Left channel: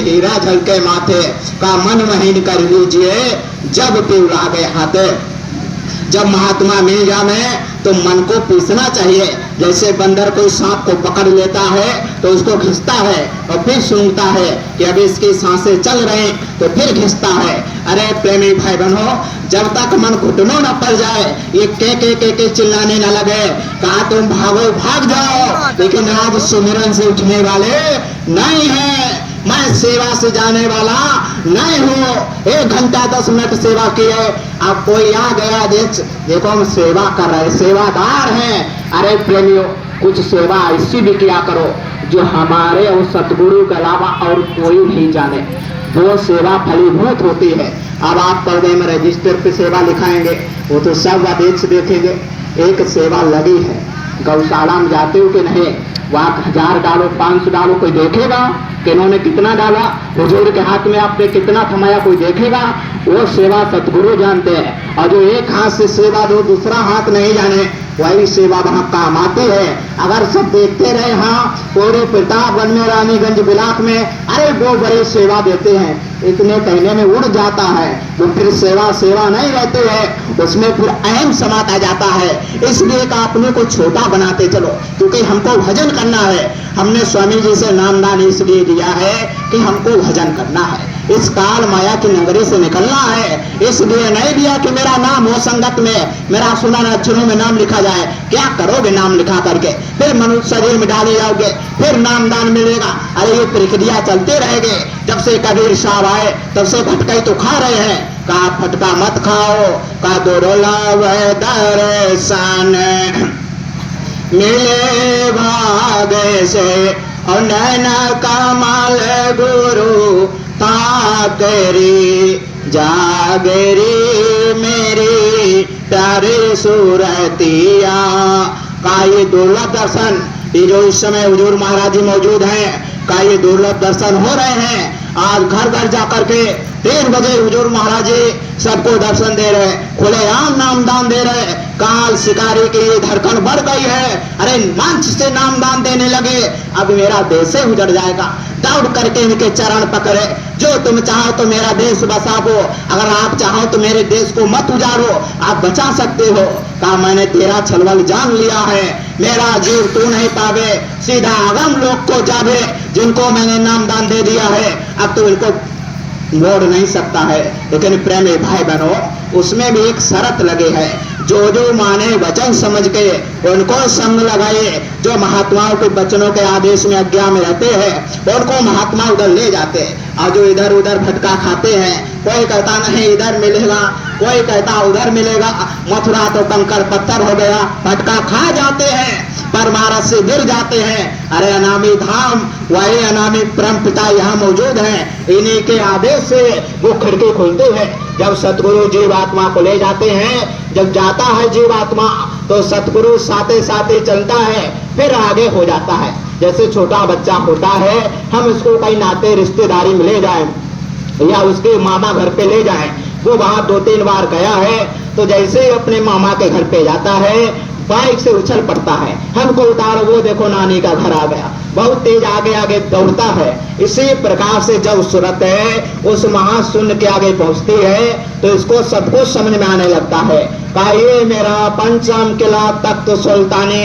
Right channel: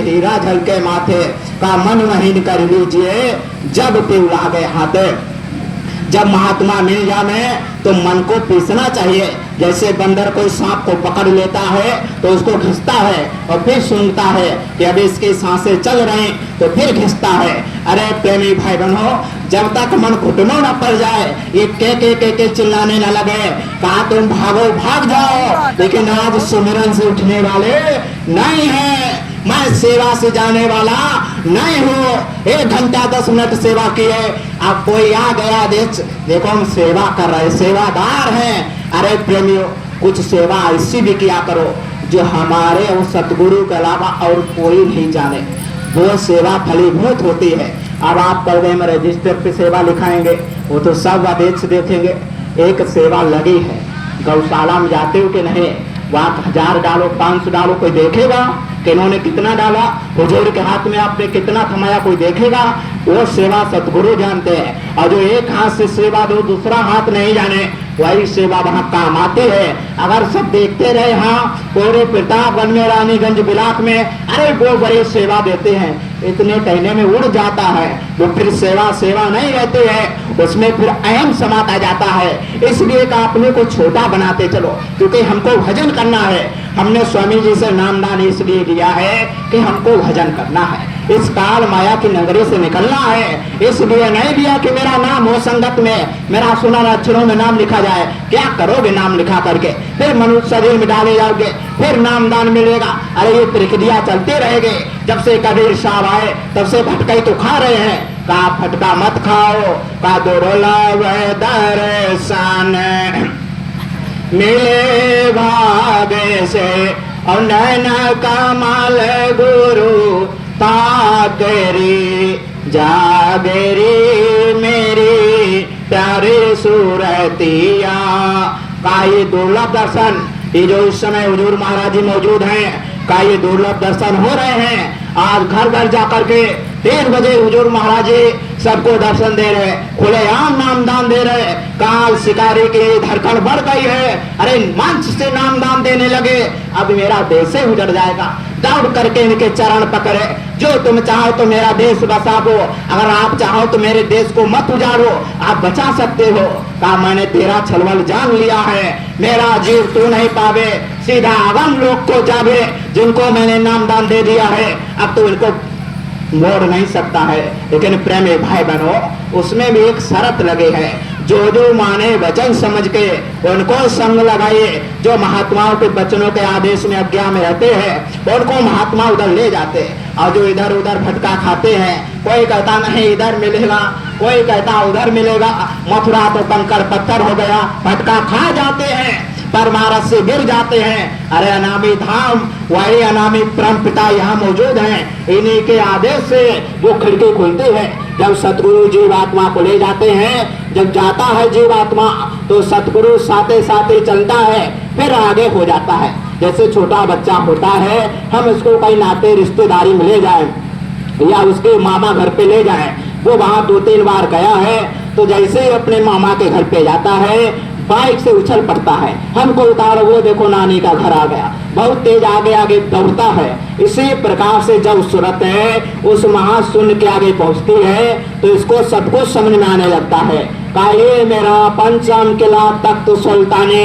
हीरा झलके माथे, का मन महीन कर लीजिए जब पीऊ लागे हाथे। जब महात्मा मिल जावे तो मन को पीसना चाहिए। जैसे बंदर कोई सांप को पकड़ लेता है तो उसको घिसता है और फिर सूंघता है कि अभी इसकी सांसें चल रही, तो फिर घिसता है। अरे प्रेमी भाई बहनों, जब तक मन घुटनों न पड़ जाए, ये के चिल्लाने न लगे, कहा तुम भागो भाग जाओ, लेकिन आज सुमिरन से उठने वाले नहीं है। मैं सेवा से जाने वाला नहीं हूँ। 1 घंटा 10 मिनट सेवा की है, अब कोई आ गया देखो हम सेवा कर रहे, सेवादार हैं। अरे प्रेमियों, कुछ सेवा ऐसी भी किया करो जो हमारे और सतगुरु के अलावा और कोई नहीं जाने, वो सेवा फलीभूत होती है। अब आप पर्दे में रजिस्टर पे सेवा लिखाएंगे, वो तो सब आदेश देखेंगे। एक सेवा लगी है, गौशाला में जाते हो कि नहीं, वहाँ 1000 डालो 500 डालो, कोई देखेगा कि इन्होंने कितना डाला, हुजूर के हाथ में आपने कितना थमाया, कोई देखेगा? वो सेवा सतगुरु जानते हैं। और जो एक हाथ से सेवा दो, दूसरा हाथ नहीं जाने, वही सेवा वहाँ काम आती है। अगर सब देखते रहे, हाँ पूरे प्रतापगंज में, रानीगंज बिलाक में, अरे वो बड़ी सेवा देते हैं, इतने कहने में उड़ जाता है, वो फिर सेवा सेवा नहीं रहते हैं, उसमें फिर अहम समाता जाता है। इसलिए का अपने को छोटा बनाते चलो, क्योंकि हमको भजन करना है। हमने स्वामी जी से नामदान इसलिए दिया है कि हमको भजन करना है, इस काल माया की नगरी से निकलना है। इसलिए नहीं दिया कि मेरा नाम हो संगत में, मेरा सुना अक्षरों में नाम लिखा जाए। क्या करोगे नाम लिखा करके? फिर मनुष्य शरीर में डाले जाओगे, फिर नामदान मिलेगा। अरे ये प्रक्रिया चलते रहेगी। जब से कबीर साहब आए तब से भटकाई तो खा रहे हैं। कहा फटका मत खाओ, का दर्शन मिले भागे से, और नैन कमल गुरु ताकरी जागरी मेरी प्यारी सूरतिया। का ये दुर्लभ दर्शन, ये जो इस समय हुजूर महाराज जी मौजूद हैं, का ये दुर्लभ दर्शन हो रहे हैं। आज घर घर जाकर के 3 बजे हुजूर महाराज जी सबको दर्शन दे रहे, खुलेआम नामदान दे रहे। काल शिकारी की धड़कन बढ़ गई है। अरे मंच से नामदान देने लगे, अब मेरा देश से उजड़ जाएगा। दौड़ करके इनके चरण पकड़े, जो तुम चाहो तो मेरा देश बसाओ, अगर आप चाहो तो मेरे देश को मत उजाड़ो, आप बचा सकते हो। कहा मैंने तेरा छलवल जान लिया है, मेरा जीव तू नहीं पावे, सीधा अगम लोग को जावे, जिनको मैंने नामदान दे दिया है, अब तो इनको मोड़ नहीं सकता है। लेकिन प्रेमी भाई बहनों, उसमें भी एक शर्त लगे है, जो जो माने वचन समझ के उनको संग लगाए। जो महात्माओं के वचनों के आदेश में आज्ञा में रहते हैं, उनको महात्मा उधर ले जाते हैं। और जो इधर उधर भटका खाते हैं, कोई कहता नहीं इधर मिलेगा, कोई कहता उधर मिलेगा, मथुरा तो कंकर पत्थर हो गया, भटका खा जाते हैं, परमारस से गिर जाते हैं। अरे अनामी धाम, वही अनामी परम पिता यहाँ मौजूद हैं, इन्हीं के आदेश से वो खिड़की खोलते हैं। जब सतगुरु जीवात्मा को ले जाते हैं, जब जाता है जीवात्मा तो सतगुरु साथे साथे चलता है, फिर आगे हो जाता है। जैसे छोटा बच्चा होता है, हम इसको कहीं नाते रिश्तेदारी में ले जाए या उसके मामा घर पे ले जाए, वो वहाँ 2-3 बार गया है, तो जैसे ही अपने मामा के घर पे जाता है, बाइक से उछल पड़ता है, हमको उतारो, वो देखो नानी का घर आ गया, बहुत तेज आगे आगे दौड़ता है। इसी प्रकार से जब सूरत है उस महाशून्य के आगे पहुंचती है, तो इसको सब कुछ समझ में आने लगता है। का ये मेरा पंचम किला तख्त सुल्ताने,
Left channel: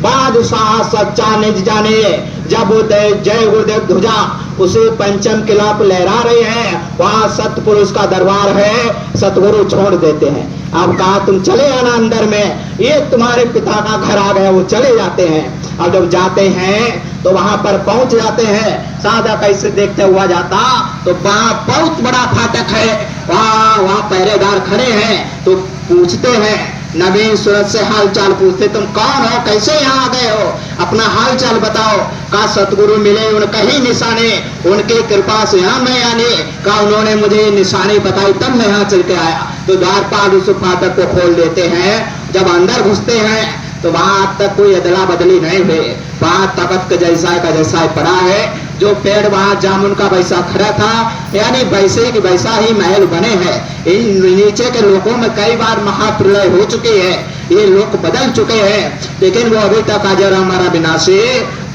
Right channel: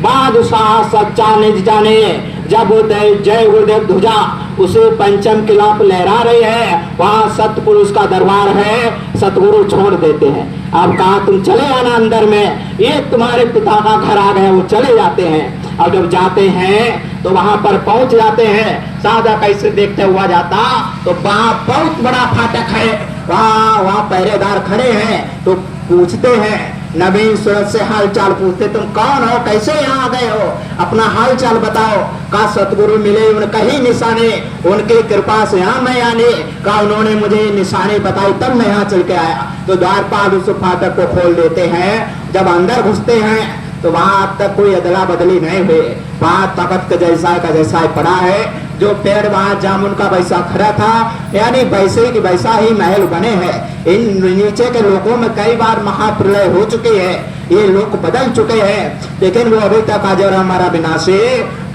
बादशाह सच्चा निज जाने, जब जय गुरुदेव ध्वजा उसे पंचम किला पर लहरा रही है, वहाँ सतपुरुष का दरबार है, सतगुरु छोड़ देते हैं। अब कहा तुम चले आना अंदर में, ये तुम्हारे पिता का घर आ गया, वो चले जाते हैं। और जब जाते हैं तो वहां पर पहुंच जाते हैं, सादा कैसे देखते हुआ जाता, तो वहां बहुत बड़ा फाटक है, वहाँ पहरेदार खड़े हैं, तो पूछते हैं नवीन सूरत से हाल चाल पूछते, तुम कौन हो, कैसे यहाँ आ गए हो, अपना हाल चाल बताओ। का सतगुरु मिले उनका ही निशाने, उनकी कृपा से यहाँ मैं आने, का उन्होंने मुझे निशानी बताई तब मैं यहाँ चल के आया। तो द्वारपाल उस फाटक को खोल देते हैं। जब अंदर घुसते हैं तो वहां अब तक कोई अदला बदली नहीं हुई, वहां तख्त का जैसा पड़ा है, जो पेड़ वहां जामुन का वैसा खड़ा था, यानी वैसे की वैसा ही महल बने हैं। इन नीचे के लोगों में कई बार महाप्रलय हो चुकी है, ये लोग बदल चुके हैं, लेकिन वो अभी तक अजर हमारा विनाशी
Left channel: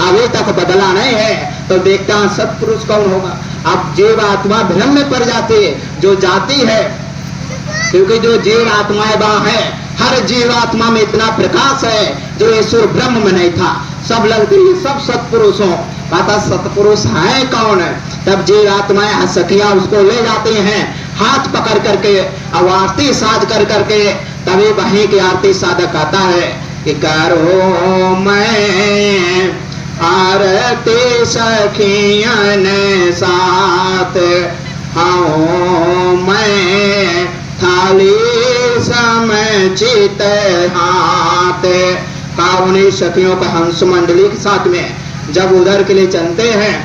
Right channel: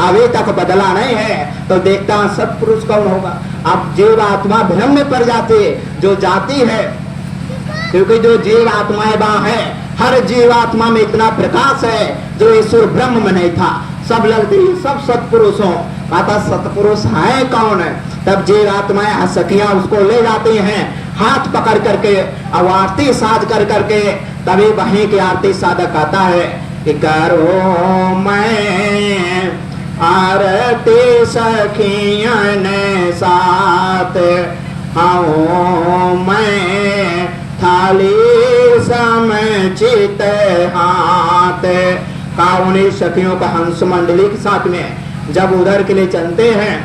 अभी तक बदला नहीं है। तो देखता सत्पुरुष कौन होगा, अब जीव आत्मा भ्रम में पड़ जाती है जो जाती है, क्योंकि जो जीव आत्माएं वहां है, हर जीवात्मा में इतना प्रकाश है जो ईश्वर ब्रह्म में नहीं था। सब लगती सब सत्पुरुषों कहा था सत्पुरुष है कौन है। तब जीव आत्माएं हसकियां उसको ले जाती हैं हाथ पकड़ करके, अब आरती साध कर करके, तभी वहीं की आरती साधक आता है कि करो मैं आरती सखियन साथ, हाँ मैं थाली समचित हाथ। का उन्हीं सखियों का हंस मंडली के साथ में जब उधर के लिए चलते हैं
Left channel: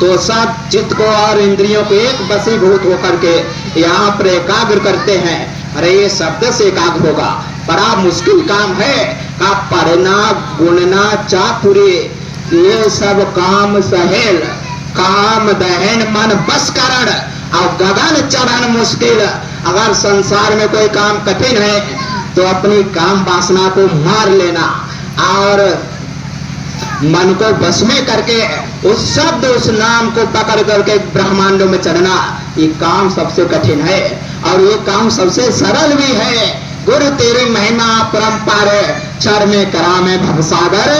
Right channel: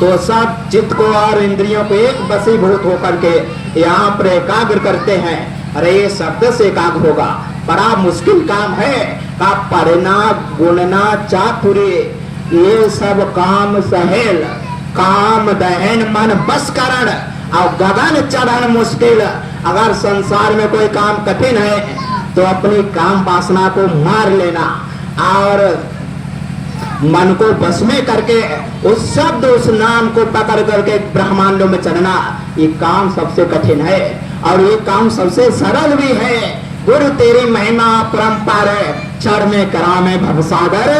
तो सब चित्त को और इंद्रियों को एक वशीभूत होकर के यहाँ पर एकाग्र करते हैं। अरे ये शब्द से एकाग्र होगा, बड़ा मुश्किल काम है। का पढ़ना गुणना चातुरी ये सब काम सहेल, काम दहन मन बस करण और गगन चढ़न मुश्किल। अगर संसार में कोई काम कठिन है तो अपनी काम वासना को मार लेना और मन को बस में करके उस शब्द उस नाम को पकड़ करके ब्रह्मांडों में चढ़ना, ये काम सबसे कठिन है और ये काम सबसे सरल भी है। गुरु तेरी महिमा परम्पार चढ़ में करा में भवसागर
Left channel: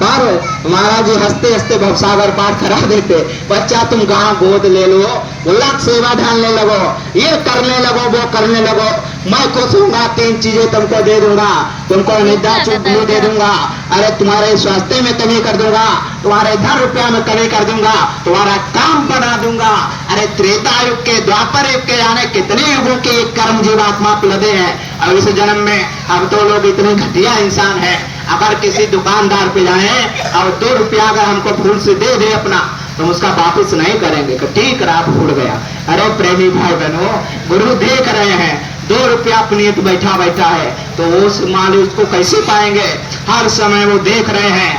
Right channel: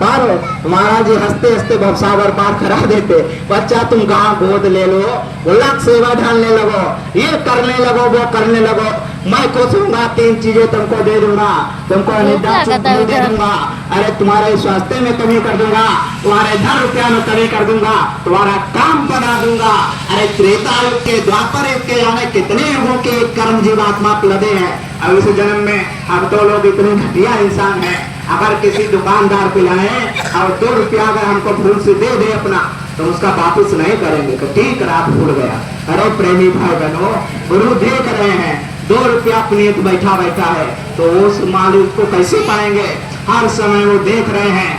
पर। महाराज जी हंसते हंसते भवसागर पार करा देते। बच्चा तुम गांव गोद ले लो, उलट सेवा ढालने लगो, ये करने लगो वो करने लगो, मैं कुछ दूंगा, 3 चीजें तुमको दे दूंगा, तुमको निद्रा चुप दे दूंगा, अरे तुम्हारे स्वास्थ्य में कमी कर दूंगा, तुम्हारे धन रुपया में कमी कर दूंगा, तुम्हारा काम बना दूंगा। अरे त्रेता युग के द्वापर युग के जाने कितने युगों के ये कर्म जीवात्मा लदे हैं। और इस जन्म में हम तो लोग इतने घटिया इंसान हैं, अगर किसी दुकानदार पे जाए और 2 रुपया अगर हमको भूल से दे दे अपना तो उसका वापिस नहीं करेंगे कि ठीक रात भूल गया। अरे प्रेमी भाई बहनों, गुरु देख रहे हैं 2 रुपया पुनीत बैठा बैठा है तो उस मालिक उसको कैसे पाएंगे। हर समय वो देख रहे हैं